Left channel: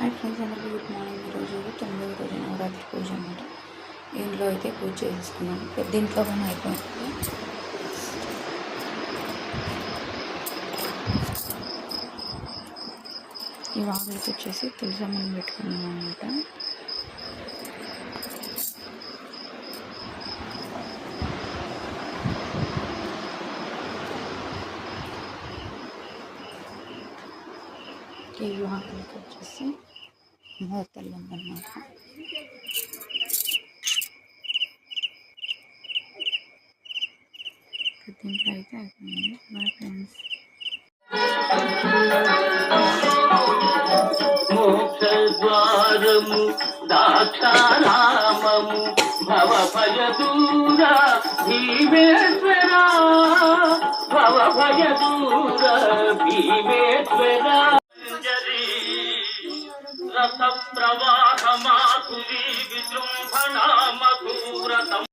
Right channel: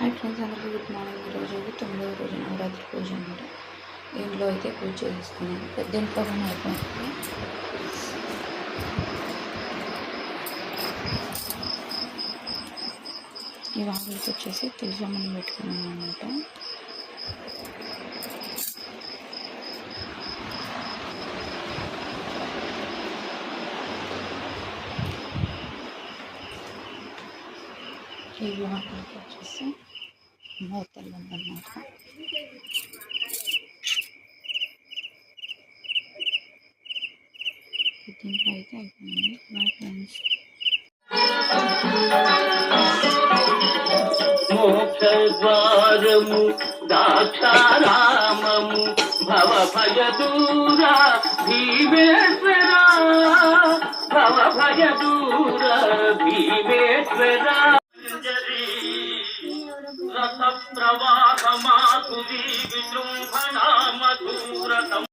Hi friends, అందరికీ good morning. ఈరోజు 9వ రోజు నవరాత్రి పూజ అనమాట. ఇంట్లో అయితే పూజ చేసేసుకున్నాను. పెద్ద ఇంట్లో కానీ అయిపోయింది. ఈ వాగులకి వచ్చేసి తులసమ్మని పెట్టుకున్నాను అనమాట. ఈ వాగులకి వచ్చేసి మూతలు ఉందన్నమాట. దీంట్లో అయితే అయిపోయింది. Bye friends. మోక్షద్వారము దాక్షారామము భవ భయ దూర భీమేశ్వర, భవ భయ దూర భీమేశ్వర. రస ప్రవాహ మాధురీ విజృంభణ మధురతం